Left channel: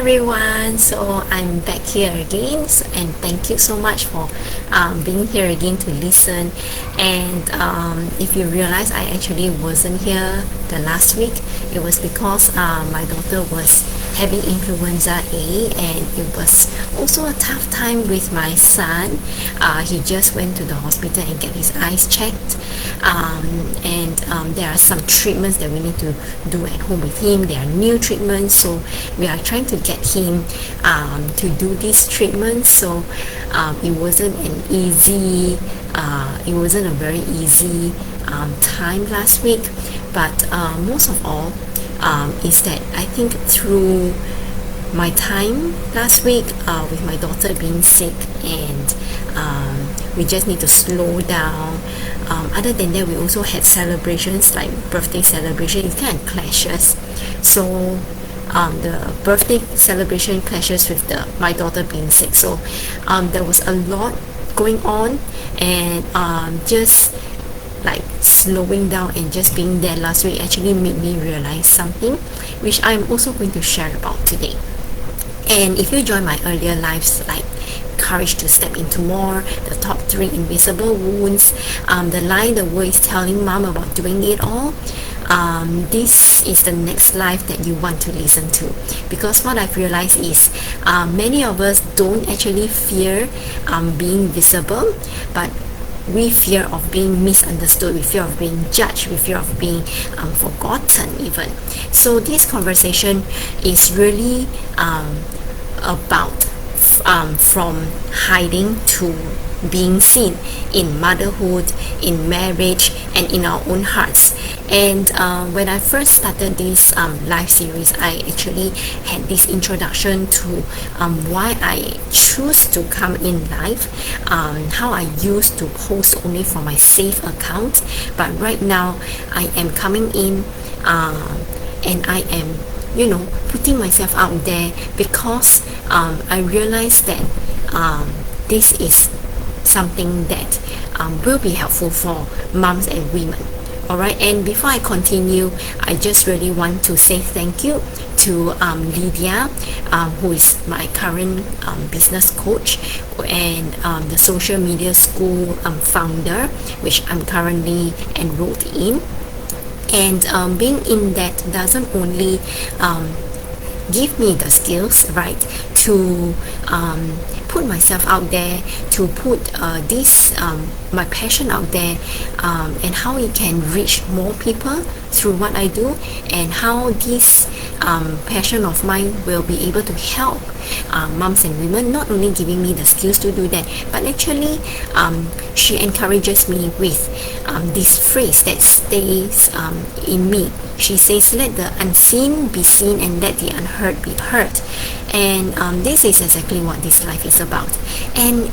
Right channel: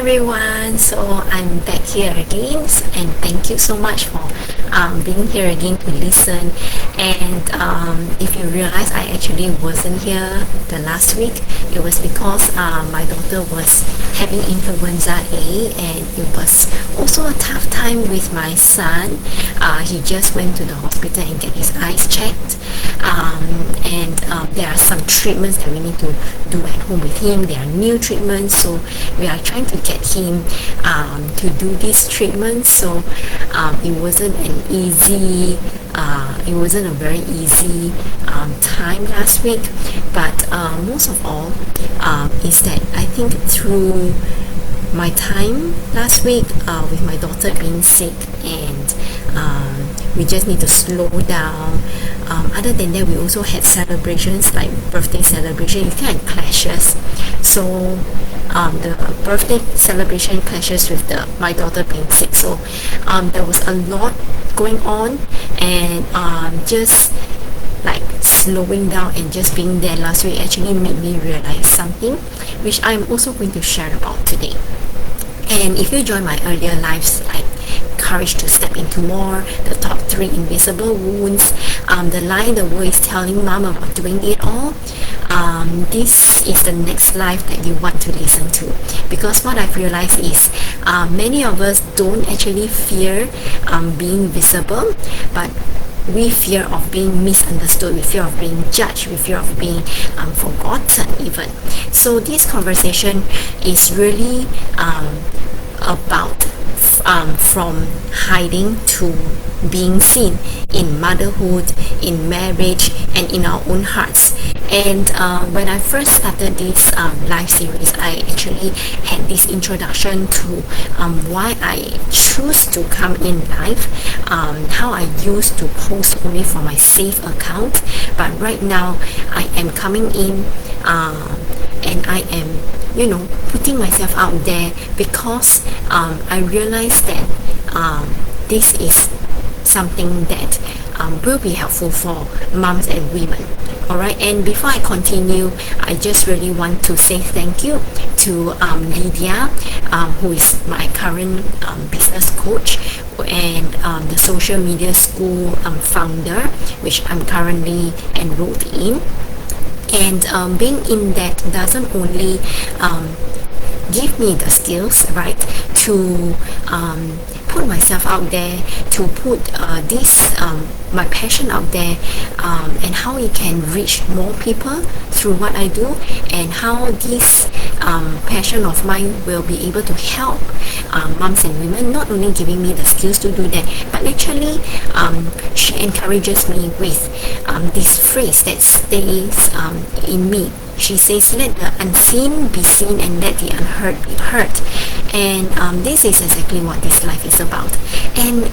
everyone. So I'm back here again, and thank you so much for being here again to listen. And if you realize I actually wasn't here the last week, it was because my daughter was having influenza A, and it was also a tough time with my son. He just went to the hospital and get his eyes checked, and there are some treatments that we need to do at home with him. There are new treatments, so we are trying to get him to do these treatments. So it wasn't a very easy time last week, but most of all is that I think through my time last week with my daughter being sick, and we just need to slow down. Other than that, we also had celebrations like birthday celebration. It kind of clashes. So the birthday celebration clashes with my daughter being sick. So there was a lot going on, and just like slowing down and just being there last week actually made me realize something, which I'm also going to share about today. And if you join my earlier lives, like Courage to Step Into More, the top 3 invisible wounds, the lie the world is telling mom about doing it all, this is the next life that you want to listen to. Because what I've realized is many of us don't actually fear being visible, but we fear of being misunderstood, we fear of being judged, we fear of being forgotten even. So this conversation is really about from hiding to being seen in motherhood, in marriage, and in our own hearts. And when I first started this live series, I actually had this introduction to why I choose to come in live, how I used to post only for my safe account, but right now I am coming in and I am putting myself out there because I realized that this is something that will be helpful for moms and women. Alright, and before I continue, I just really want to say thank you to Lydia, who is my current business coach, and the social media school founder, which I'm currently enrolled in. And being in that doesn't only give me the skills, right, to put myself out there, to put this my passion out there, and how it can reach more people through what I do, and how this passion of mine will be able to help moms and women, not only giving me the skills to do that, but actually she encourages me with this phrase that stays in me. She says, let the unseen be seen and let the unheard be heard. And this is exactly what this life is about. And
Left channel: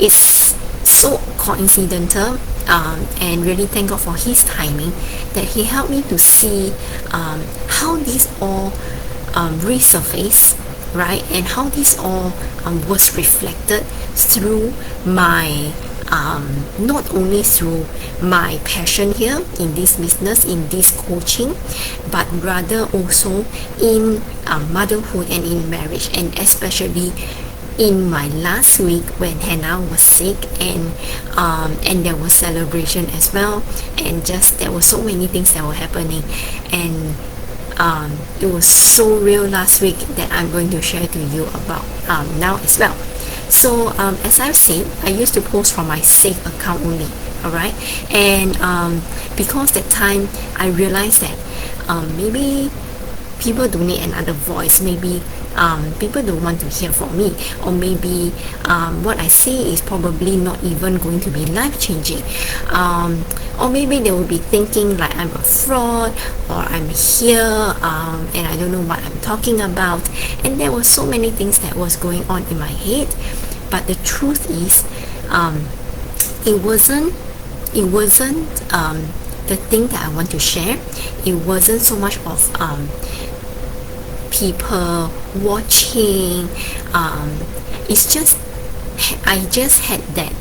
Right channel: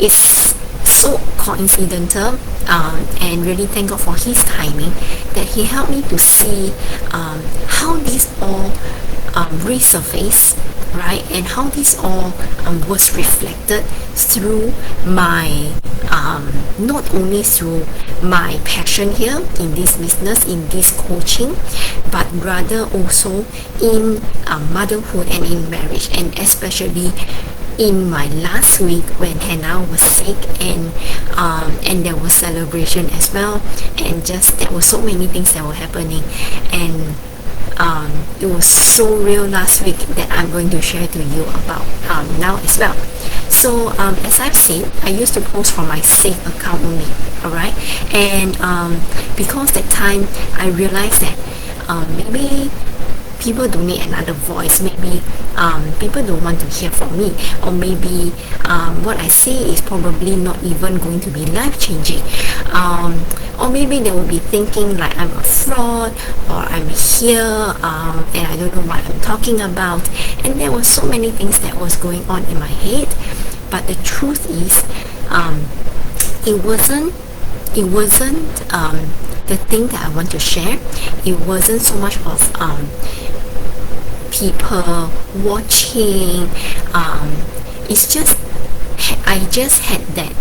it's so coincidental, and really thank God for his timing, that he helped me to see how this all resurfaced, right, and how this all was reflected through my not only through my passion here in this business, in this coaching, but rather also in motherhood and in marriage, and especially in my last week when Hannah was sick, and there was celebration as well, and just there were so many things that were happening, and it was so real last week that I'm going to share to you about now as well. So as I've said, I used to post from my safe account only, alright, and because that time I realized that maybe people don't need another voice, maybe people don't want to hear from me, or maybe what I say is probably not even going to be life-changing, or maybe they will be thinking like I'm a fraud, or I'm here and I don't know what I'm talking about. And there were so many things that was going on in my head, but the truth is it wasn't the thing that I want to share. It wasn't so much of people watching. It's just I just had that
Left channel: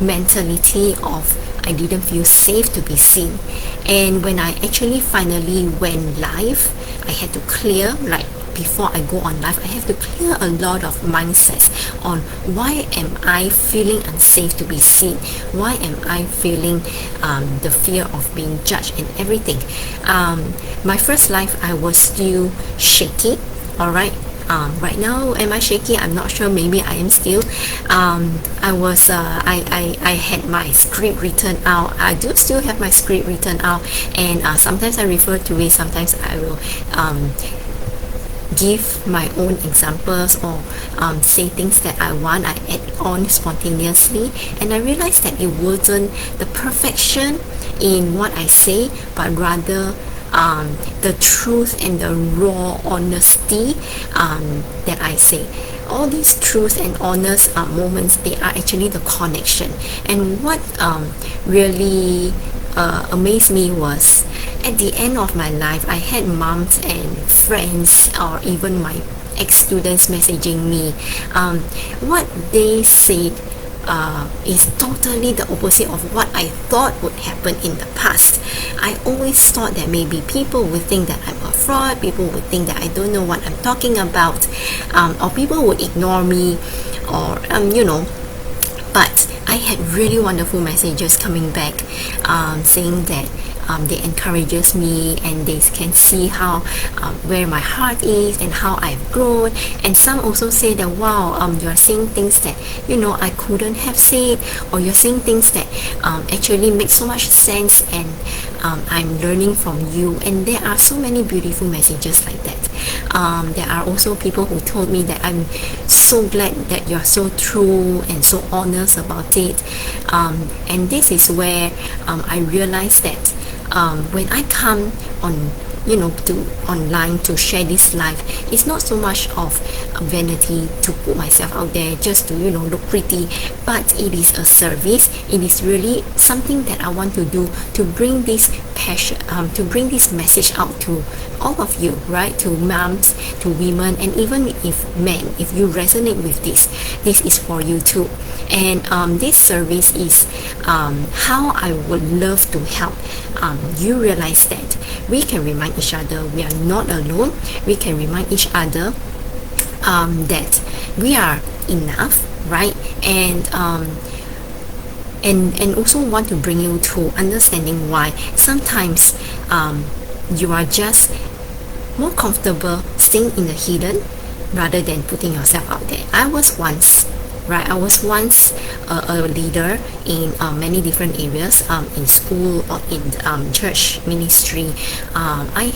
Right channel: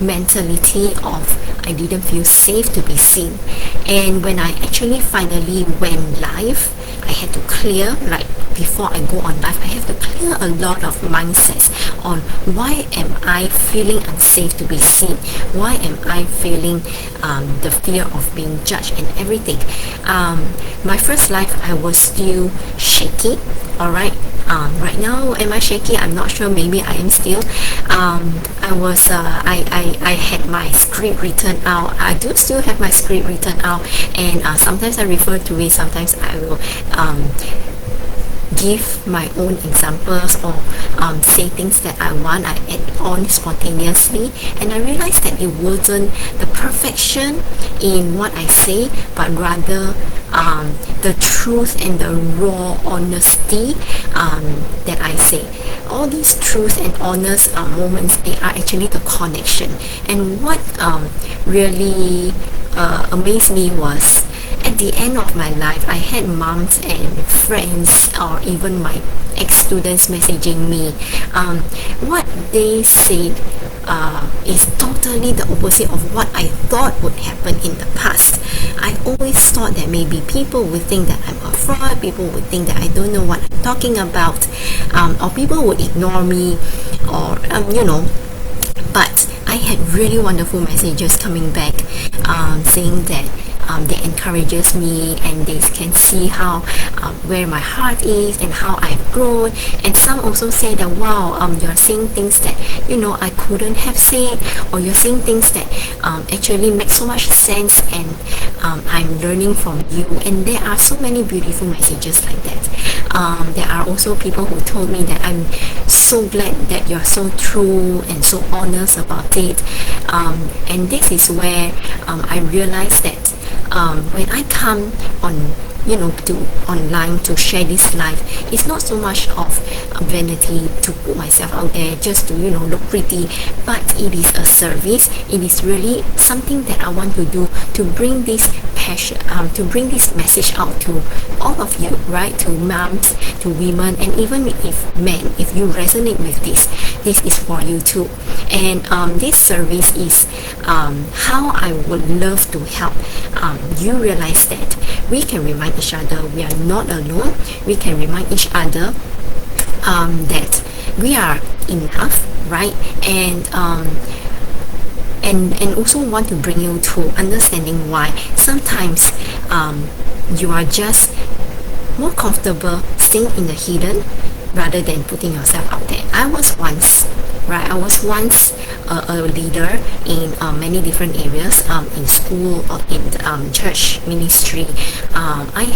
mentality of I didn't feel safe to be seen. And when I actually finally went live, I had to clear like before I go on live, I have to clear a lot of mindsets on why am I feeling unsafe to be seen, why am I feeling the fear of being judged and everything. My first live, I was still shaky. Alright, right now, am I shaky? I'm not sure. Maybe I am still. I had my script written out. I do still have my script written out, and sometimes I refer to it. Sometimes I will give my own examples or say things that I want. I add on spontaneously, and I realized that it wasn't the perfection in what I say, but rather the truth and the raw honesty that I say. All these truth and honest moments, they are actually the connection. And what really amazed me was at the end of my life, I had moms and friends or even my ex-students messaging me. What they said is totally the opposite of what I thought would happen in the past. I always thought that maybe people would think that I'm a fraud, people would think that I don't know what I'm talking about, or people would ignore me, or but I had really wonderful messages coming back, saying that they encourages me, and they can see how where my heart is and how I've grown. And some also say that, wow, you're saying things that I couldn't have said, or you're saying things that actually make so much sense, and I'm learning from you. And there are so many beautiful messages like that. There are also people who told me that I'm so glad that you're so true and so honest about it. And this is where I realized that when I come on to online to share this life, it's not so much of vanity to put myself out there just to look pretty, but it is a service. It is really something that I want to do to bring this passion, to bring this message out to all of you, right? To moms, to women, and even if men, if you resonate with this is for you too. And this service is how I would love to help you realize that we can remind each other we are not alone. We can remind each other that we are enough, right? And also want to bring you to understanding why sometimes you are just more comfortable staying in the hidden rather than putting yourself out there. I was once a leader in many different areas, in school or in church ministry. I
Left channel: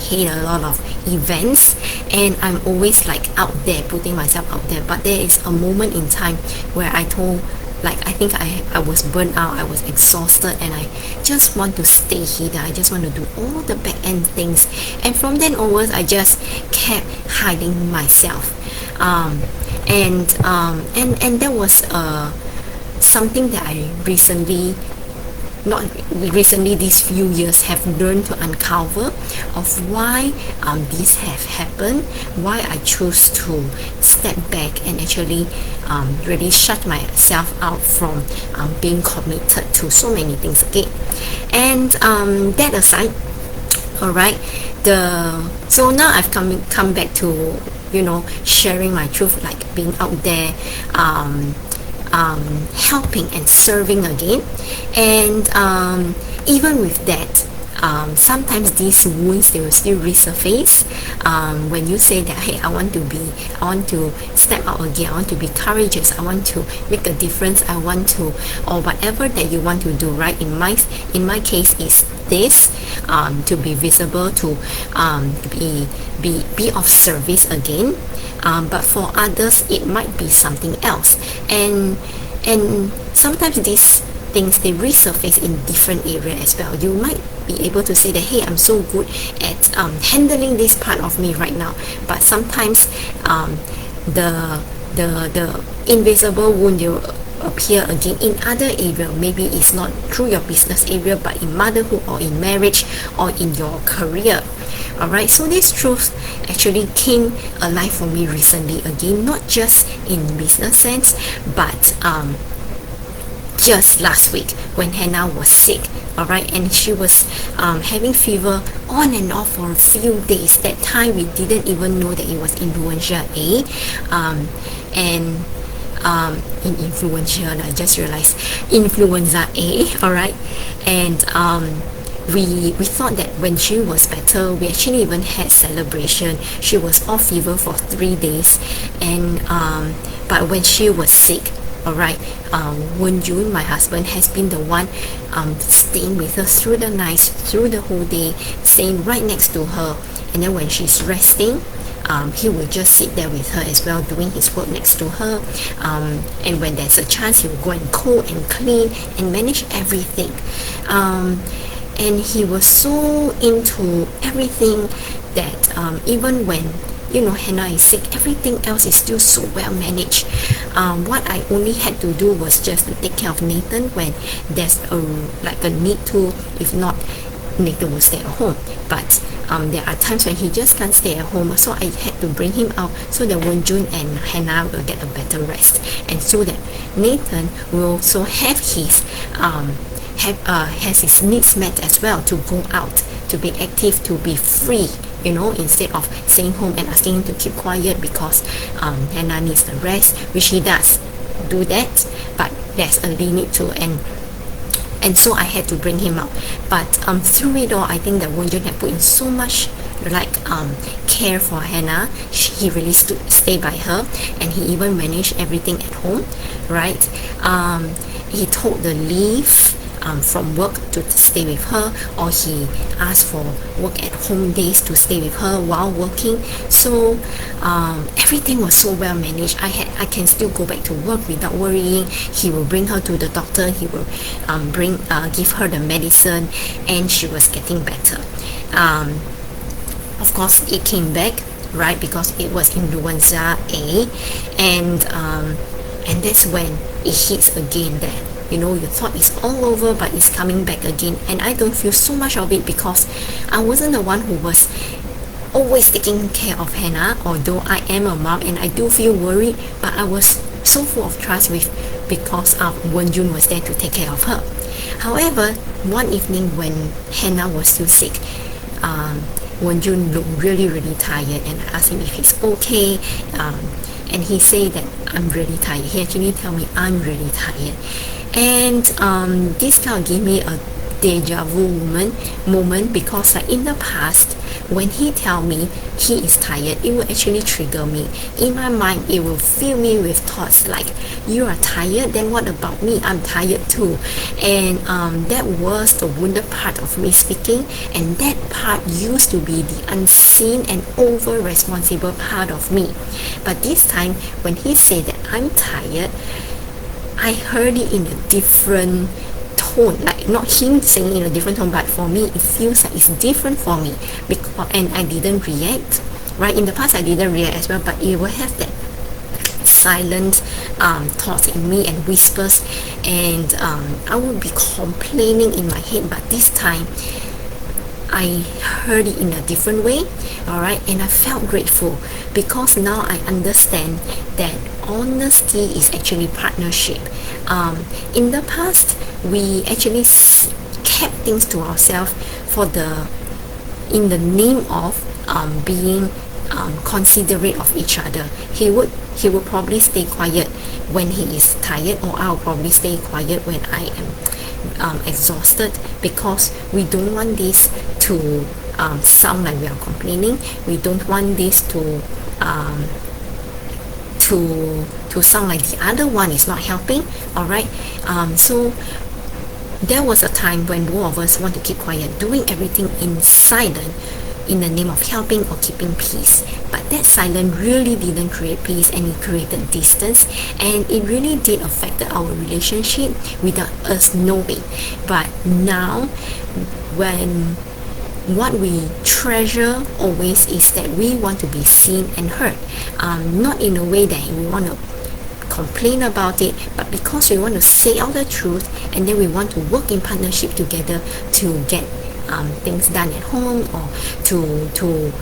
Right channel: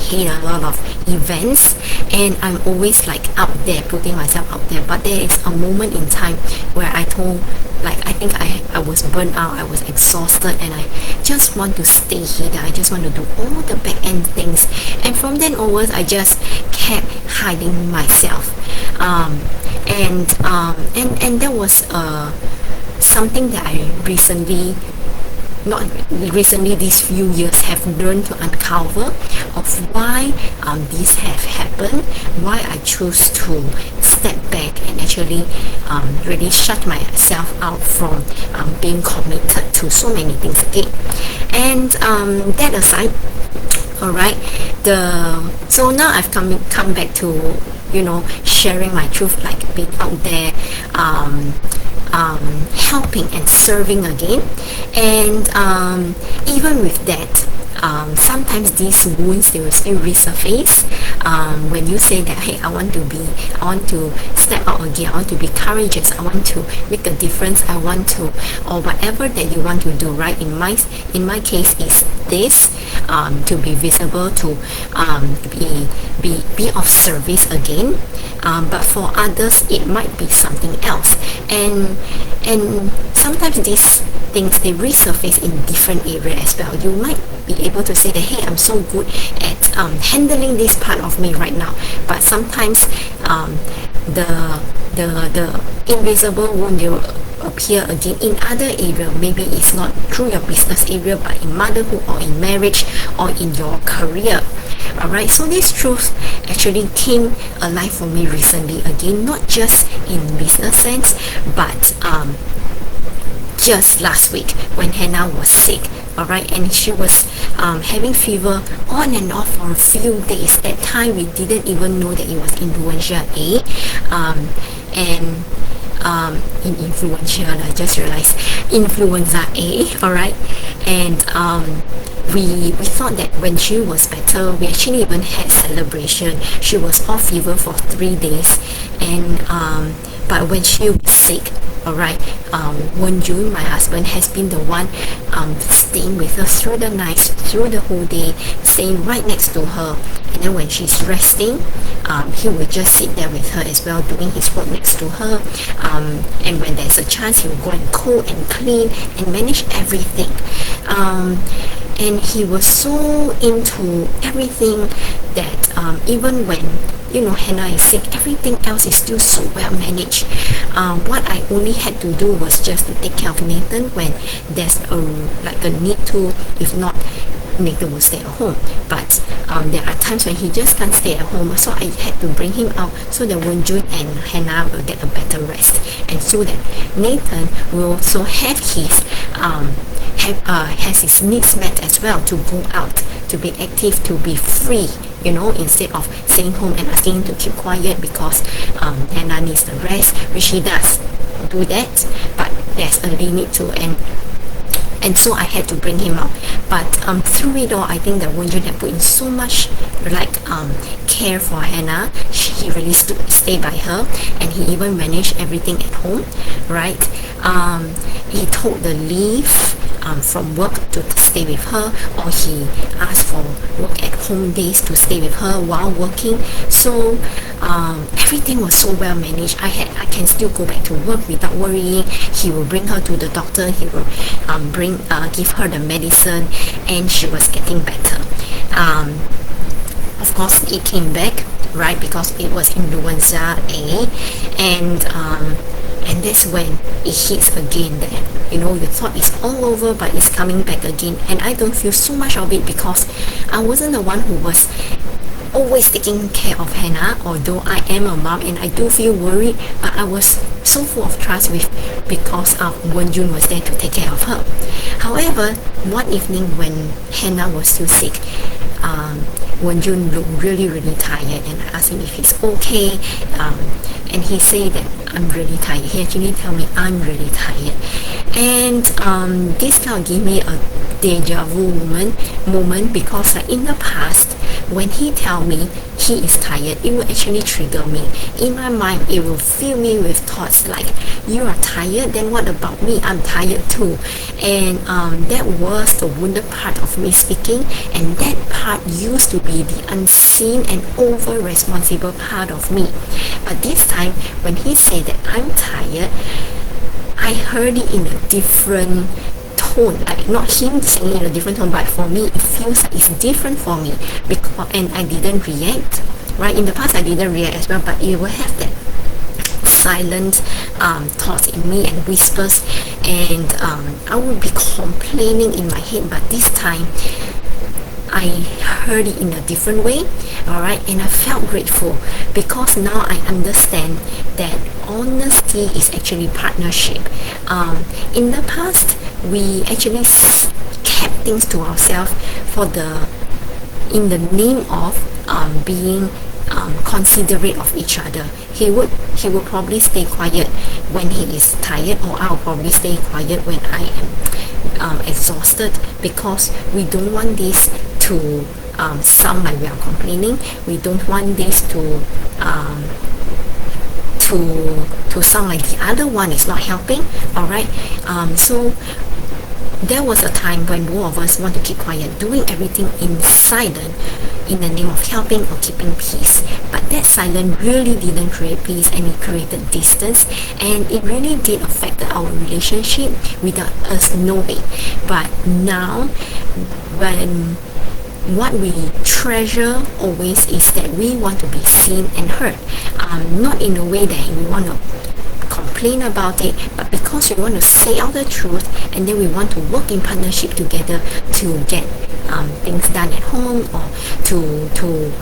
hate a lot of events, and I'm always out there, putting myself out there. But there is a moment in time where I think I was burnt out, I was exhausted, and I just want to stay here. I just want to do all the back end things. And from then onwards, I just kept hiding myself. And that was something that I these few years have learned to uncover of why this have happened, why I choose to step back and actually really shut myself out from being committed to so many things again. And that aside, alright, so now I've come back to sharing my truth, being out there, helping and serving again. And even with that, sometimes these wounds, they will still resurface when you say that, hey, I want to step out again, I want to be courageous, I want to make a difference, I want to, or whatever that you want to do, right? In my case is this, to be visible, to be of service again, but for others it might be something else. And sometimes these things, they resurface in different areas as well. You might be able to say that, hey, I'm so good at handling this part of me right now, but sometimes the invisible wound will appear again in other area. Maybe it's not through your business area, but in motherhood or in marriage or in your career. Alright, so this truth actually came alive for me recently again, not just in business sense, but just last week when Hannah was sick. alright, and she was having fever on and off for a few days. That time we didn't even know that it was influenza A, and in influenza, I just realized influenza A, alright, and we thought that when she was better, we actually even had celebration. She was off fever for 3 days, and but when she was sick, alright, Wen Jun, my husband, has been the one staying with her through the night, through the whole day, staying right next to her. And then when she's resting, he will just sit there with her as well, doing his work next to her. And when there's a chance, he will go and cook and clean and manage everything. And he was so into everything that even when Hannah is sick, everything else is still so well managed. What I only had to do was just to take care of Nathan when there's a need to. If not, Nathan will stay at home. But there are times when he just can't stay at home, so I had to bring him out so that Wen Jun and Hannah will get a better rest, and so that Nathan will also have his has his needs met as well, to go out, to be active, to be free, instead of staying home and asking him to keep quiet because Hannah needs the rest, which he does do that, but there's a limit to, and so I had to bring him out. But through it all, I think that Wen Jun had put in so much care for Hannah. He really stayed by her, and he even managed everything at home, right? He took the leave from work to stay with her, or he asked for work at home days to stay with her while working. So everything was so well managed. I can still go back to work without worrying. He will bring her to the doctor. He will give her the medicine, and she was getting better. Of course, it came back, right, because it was influenza A, and that's when it hits again there. You thought it's all over, but it's coming back again. And I don't feel so much of it because I wasn't the one who was always taking care of Hannah, although I am a mom and I do feel worried, but I was so full of trust because Wen Jun was there to take care of her. However, one evening when Hannah was still sick, Wen Jun looked really, really tired, and I asked him if he's okay, and he said that I'm really tired. He actually told me I'm really tired, and this kind of gave me a deja vu moment because in the past, when he tell me he is tired, it will actually trigger me. In my mind, it will fill me with thoughts like, you are tired, then what about me? I'm tired too. And that was the wounded part of me speaking, and that part used to be the unseen and over responsible part of me. But this time, when he said that I'm tired, I heard it in a different tone, like not him saying in a different tone, but for me it feels like it's different for me, and I didn't react, right? In the past I didn't react as well, but it will have that silent thoughts in me and whispers, and I would be complaining in my head, but this time I heard it in a different way, alright, and I felt grateful because now I understand that honesty is actually partnership. In the past, we actually kept things to ourselves in the name of being considerate of each other. He would probably stay quiet when he is tired, or I'll probably stay quiet when I am exhausted, because we don't want this to sound like we are complaining. We don't want this to sound like the other one is not helping. Alright, so there was a time when both of us want to keep quiet, doing everything in silence in the name of helping or keeping peace. But that silence really didn't create peace, and it created distance, and it really did affect our relationship without us knowing. But now, when what we treasure always is that we want to be seen and heard, not in a way that we want to complain about it, but because we want to say out the truth, and then we want to work in partnership together to get things done at home, or to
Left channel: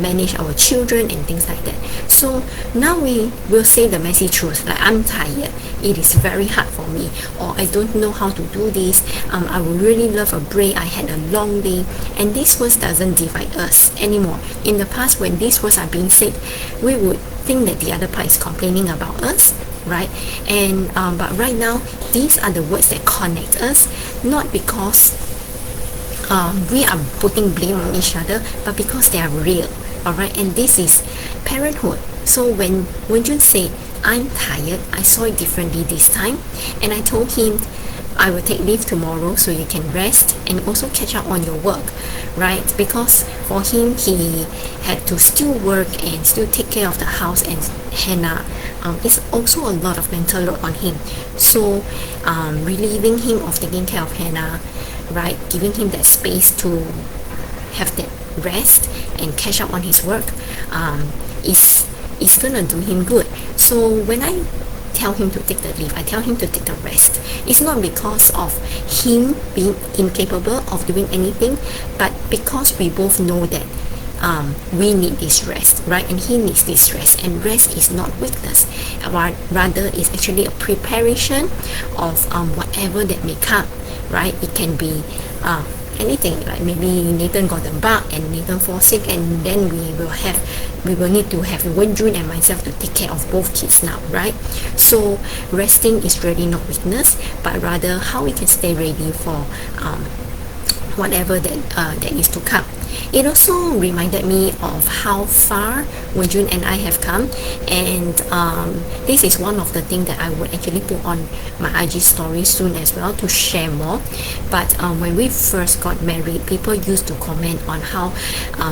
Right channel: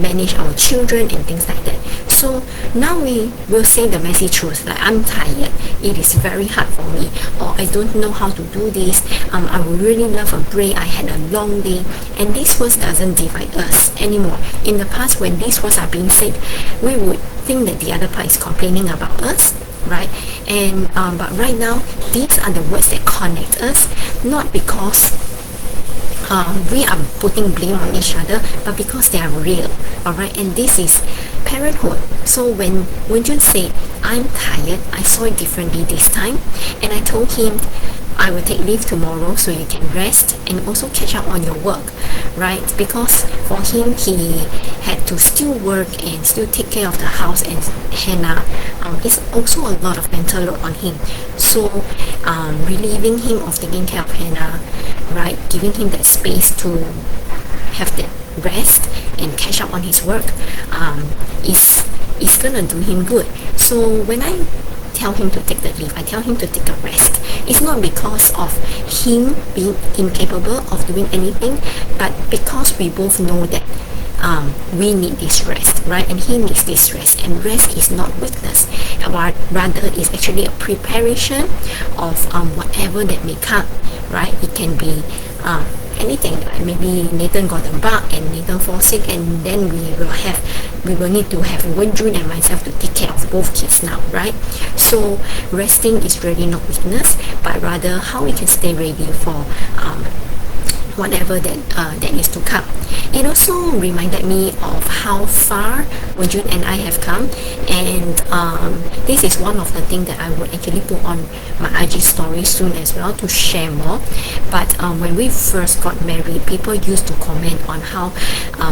manage our children and things like that. So now we will say the messy truth, like I'm tired, it is very hard for me, or I don't know how to do this, I would really love a break, I had a long day. And these words doesn't divide us anymore. In the past, when these words are being said, we would think that the other part is complaining about us, right? And but right now, these are the words that connect us, not because we are putting blame on each other, but because they are real. Alright, and this is parenthood. So when Wenjun said, I'm tired, I saw it differently this time, and I told him I will take leave tomorrow so you can rest and also catch up on your work, right? Because for him, he had to still work and still take care of the house and Hannah. It's also a lot of mental load on him. So relieving him of taking care of Hannah, right? Giving him that space to have that rest and catch up on his work is gonna do him good. So when I tell him to take the leave, I tell him to take a rest, it's not because of him being incapable of doing anything, but because we both know that we need this rest, right? And he needs this rest, and rest is not weakness, rather is actually a preparation of whatever that may come, right? It can be anything, like maybe Nathan got a bug and Nathan falls sick, and then we will need to have Wenjun and myself to take care of both kids now, right? So resting is really not weakness, but rather how we can stay ready for whatever that is to come. It also reminded me of how far Wenjun and I have come, and this is one of the things that I would actually put on my IG story soon as well to share more. But when we first got married, people used to comment on how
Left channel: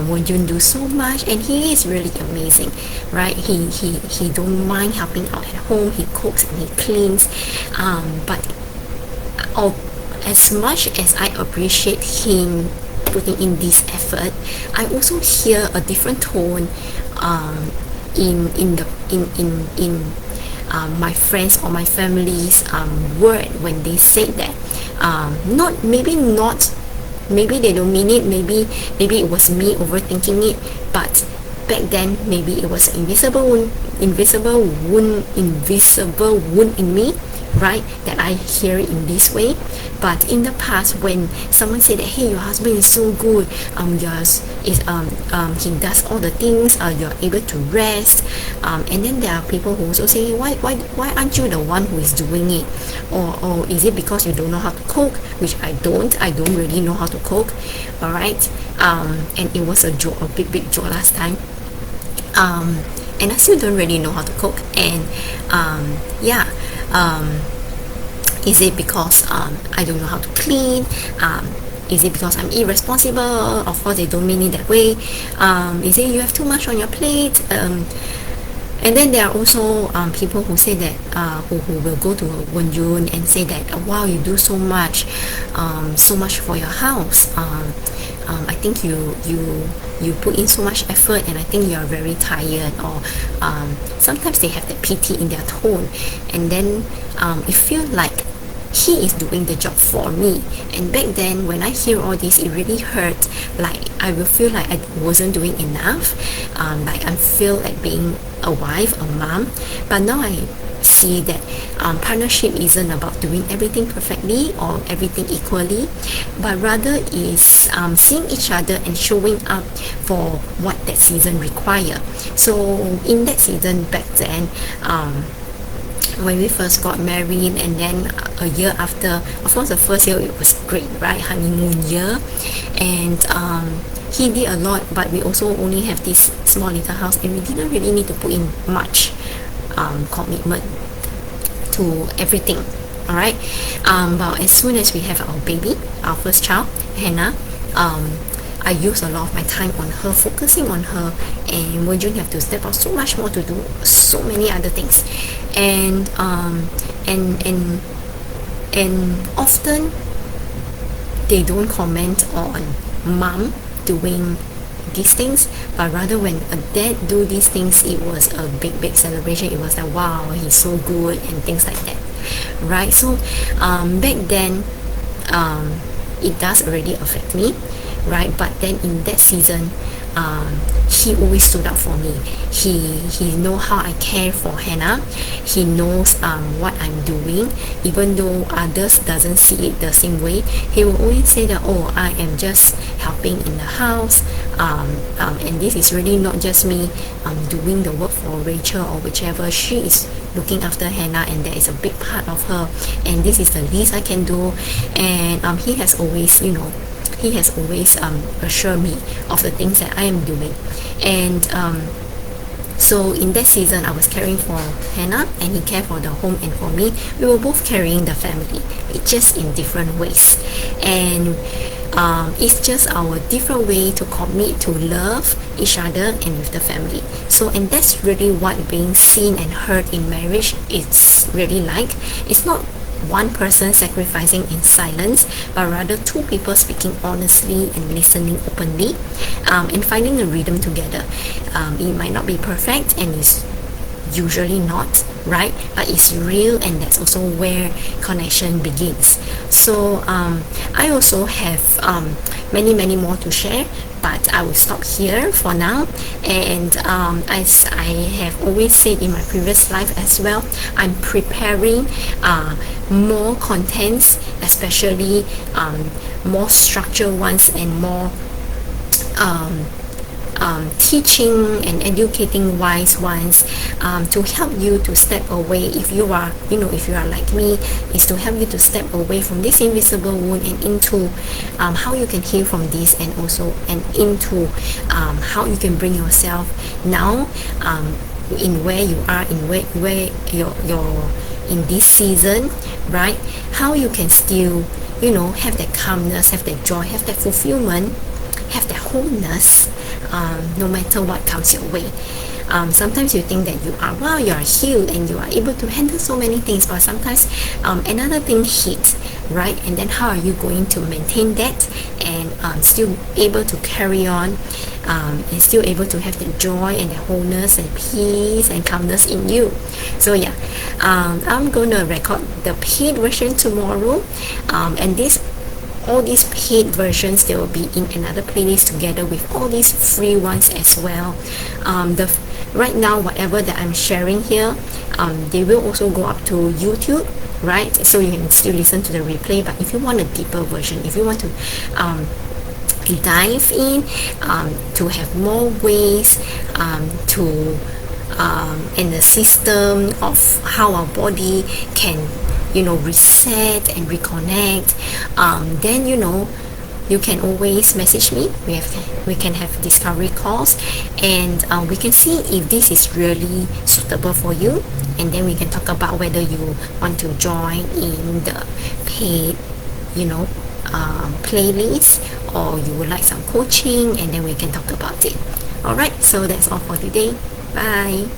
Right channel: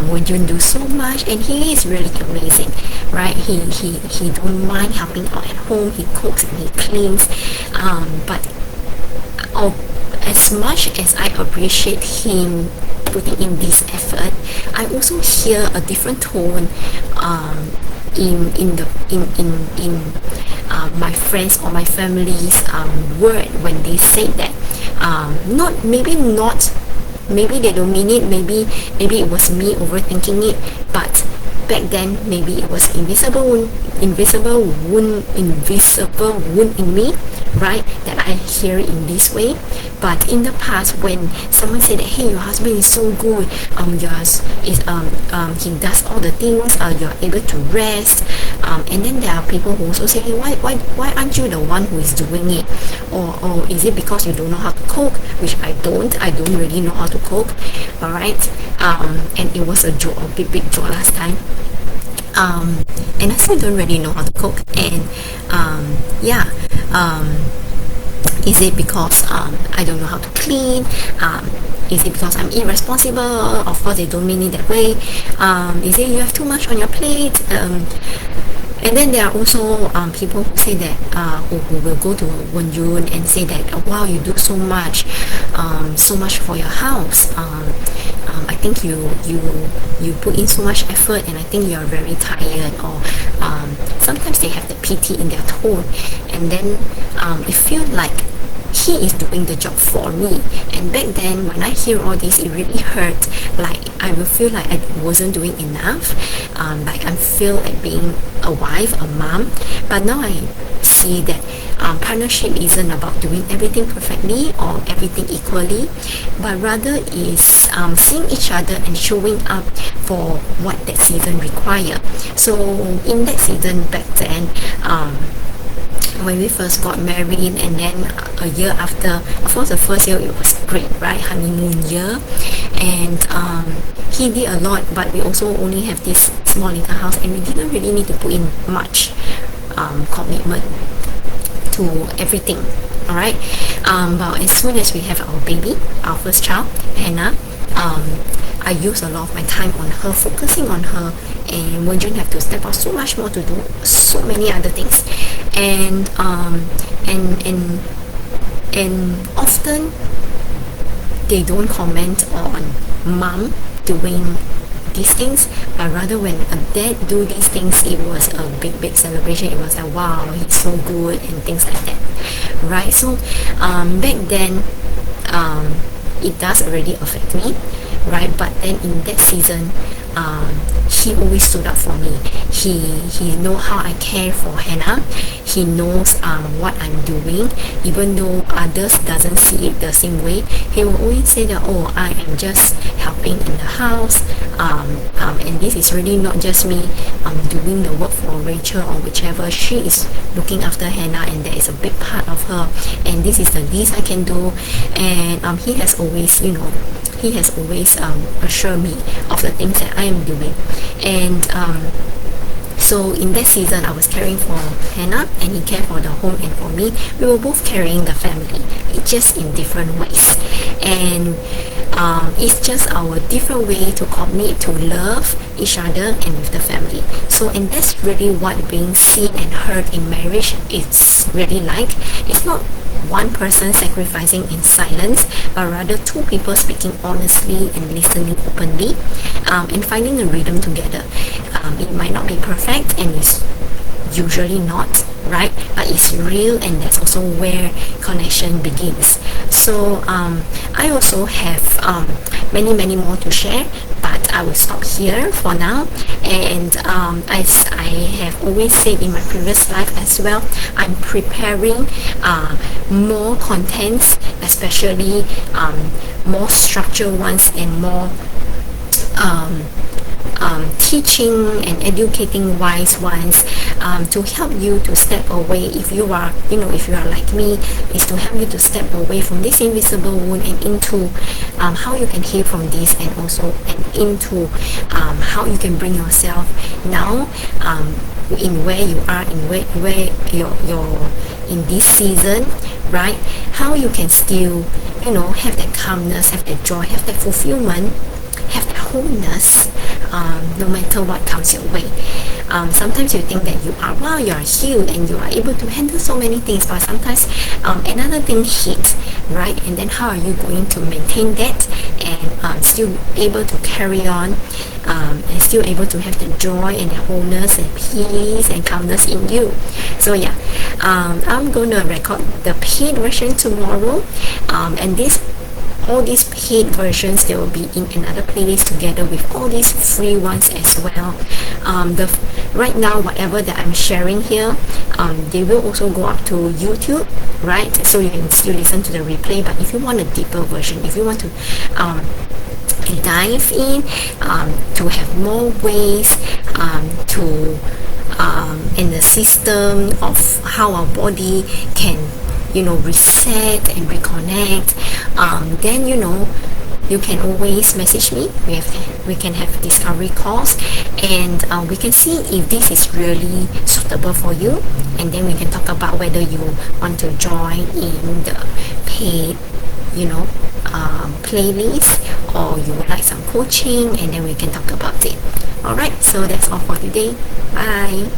Wenjun do so much, and he is really amazing, right? He don't mind helping out at home, he cooks and he cleans, but as much as I appreciate him putting in this effort, I also hear a different tone in my friends or my family's word when they say that. Maybe they don't mean it. Maybe it was me overthinking it. But back then, maybe it was invisible wound in me, right, that I hear it in this way. But in the past, when someone said that, hey, your husband is so good, he does all the things, you're able to rest, and then there are people who also say, hey, why aren't you the one who is doing it, or is it because you don't know how to cook? Which I don't really know how to cook. All right, and it was a big joke last time. And I still don't really know how to cook, and is it because I don't know how to clean? Is it because I'm irresponsible? Of course, they don't mean it that way. Is it you have too much on your plate? And then there are also people who say that who will go to Wenjun and say that, oh, wow, you do so much for your house. I think you put in so much effort, and I think you are very tired. Or sometimes they have the pity in their tone, and then it feels like he is doing the job for me. And back then, when I hear all this, it really hurt. Like I will feel like I wasn't doing enough. Like I feel like being a wife, a mom. But now I see that partnership isn't about doing everything perfectly or everything equally, but rather is seeing each other and showing up for what that season require. So in that season back then, when we first got married, and then a year after, of course the first year it was great, right, honeymoon year, and he did a lot, but we also only have this small little house, and we didn't really need to put in much commitment to everything. All right, but as soon as we have our baby, our first child, Hannah, I use a lot of my time on her, focusing on her, and Wenjun have to step out so much more to do so many other things, and often they don't comment on mom doing these things, but rather when a dad do these things, it was a big celebration. It was like, wow, he's so good and things like that, right? So back then, it does already affect me, right? But then in that season, he always stood up for me. He know how I care for Hannah. He knows what I'm doing, even though others doesn't see it the same way. He will always say that, oh, I am just helping in the house, and this is really not just me doing the work for Rachel or whichever. She is looking after Hannah, and that is a big part of her, and this is the least I can do. And he has always assured me of the things that I am doing. And so in that season, I was caring for Hannah, and he cared for the home and for me. We were both carrying the family, just in different ways. And it's just our different way to commit to love each other and with the family. So, and that's really what being seen and heard in marriage is really like. It's not one person sacrificing in silence, but rather two people speaking honestly and listening openly, and finding a rhythm together. It might not be perfect, and it's usually not, right? But it's real, and that's also where connection begins. So I also have many more to share, but I will stop here for now. And as I have always said in my previous life as well, I'm preparing more contents, especially more structured ones, and more teaching and educating wise ones, to help you to step away. If you are like me, is to help you to step away from this invisible wound and into how you can heal from this, and also into how you can bring yourself now in where you are, in where you're in this season, right? How you can still have that calmness, have that joy, have that fulfillment, have that wholeness, no matter what comes your way. Sometimes you think that you are healed and you are able to handle so many things, but sometimes another thing hit, right? And then how are you going to maintain that and still able to carry on, and still able to have the joy and the wholeness and peace and calmness in you? So yeah, I'm gonna record the paid version tomorrow, and all these paid versions, they will be in another playlist together with all these free ones as well. Right now, whatever that I'm sharing here, they will also go up to YouTube, right? So you can still listen to the replay. But if you want a deeper version, if you want to dive in, to have more ways to in the system of how our body can reset and reconnect, then you can always message me. We can have discovery calls, and we can see if this is really suitable for you, and then we can talk about whether you want to join in the paid playlist, or you would like some coaching, and then we can talk about it. Alright, so that's all for today. Bye.